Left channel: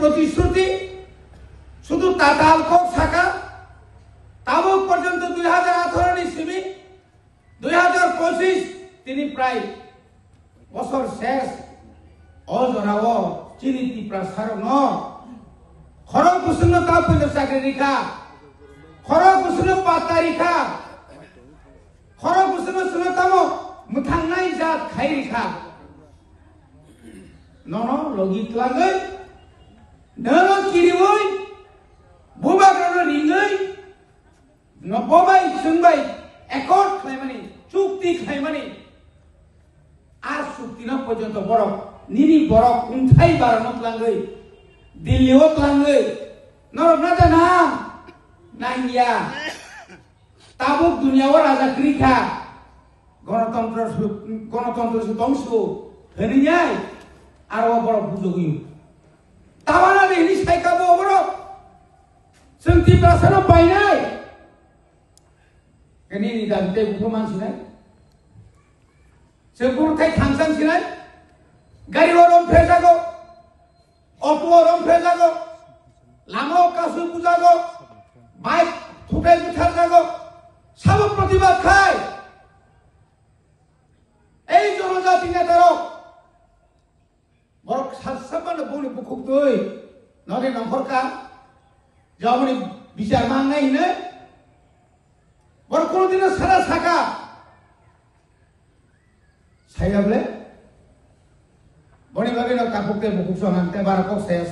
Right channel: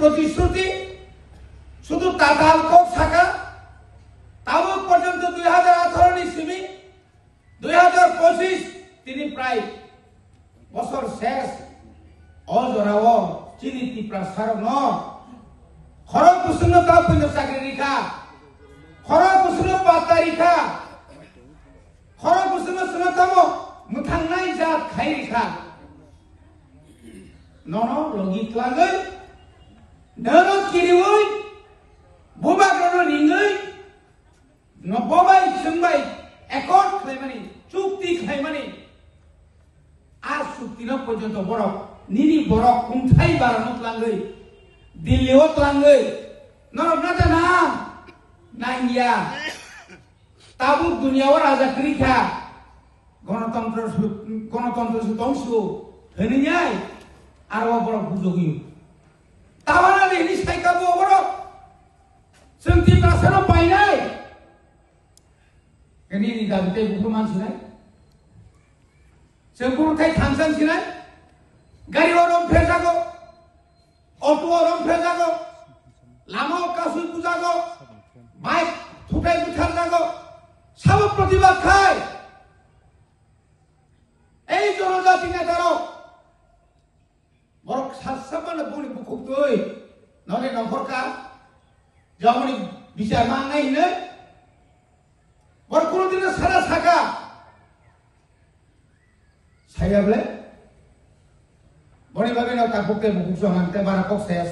প্রতিশ্রুতি শুধু তাতাল কক থাকা তাবুক পর্যন্ত 2018 ইসিমি 2025 তিনি প্রায় বছর শেষ অজরাও চিনিতি প্রসারক ন খরক কুসুম তাপ চাকরি রেখা খরক কুসুম পাতা রেখা খরক কুসুম সুনতম মুথাंनाय জাত খাই রেখা নন লগি ত্লাগৈ নন কিরিওই বুবা গন রিঙ্গৈ নববাই সুনবাই একর্ড খাইমানি চুক্তি খাইমানি আর চুক্তি ন পর্যন্ত বড় নিনি বড় কুন্থাই বারানো ত্লাগৈ দিল্লিও ত্লাগৈ নরনাটা না নাইয়া তাবুক দুনিয়াও রাজা ক্রিখা গণতন্ত্র ধ্বংস হরিয়ায় আর বড় বুঝগি তাওয়ানা দেহনি সাইকাবো বড় সন্তি প্রাসার পাইনাই এনি নিদান্তে বুকুমান সিনাই সেগুন থাই থাংসাং সিনাই গাড়ি ওরম ফেজাগো অটো ওরম ফেজাগো লামাও কাসু বুঝাগো বাইক থুকাই বুঝার যাগো সব প্রতিবাদ খায় এই জনজাতি নেতারও বড় সাতসাবান বনি বুকুক দই নদে নম্বরকার যখনই বিচার মাংনাই নে বড় কোনদিন সারা থাকা সাইগাবলে বনি ভাবে না কাকুকে বুকুক সমানতে বারাকক শেষ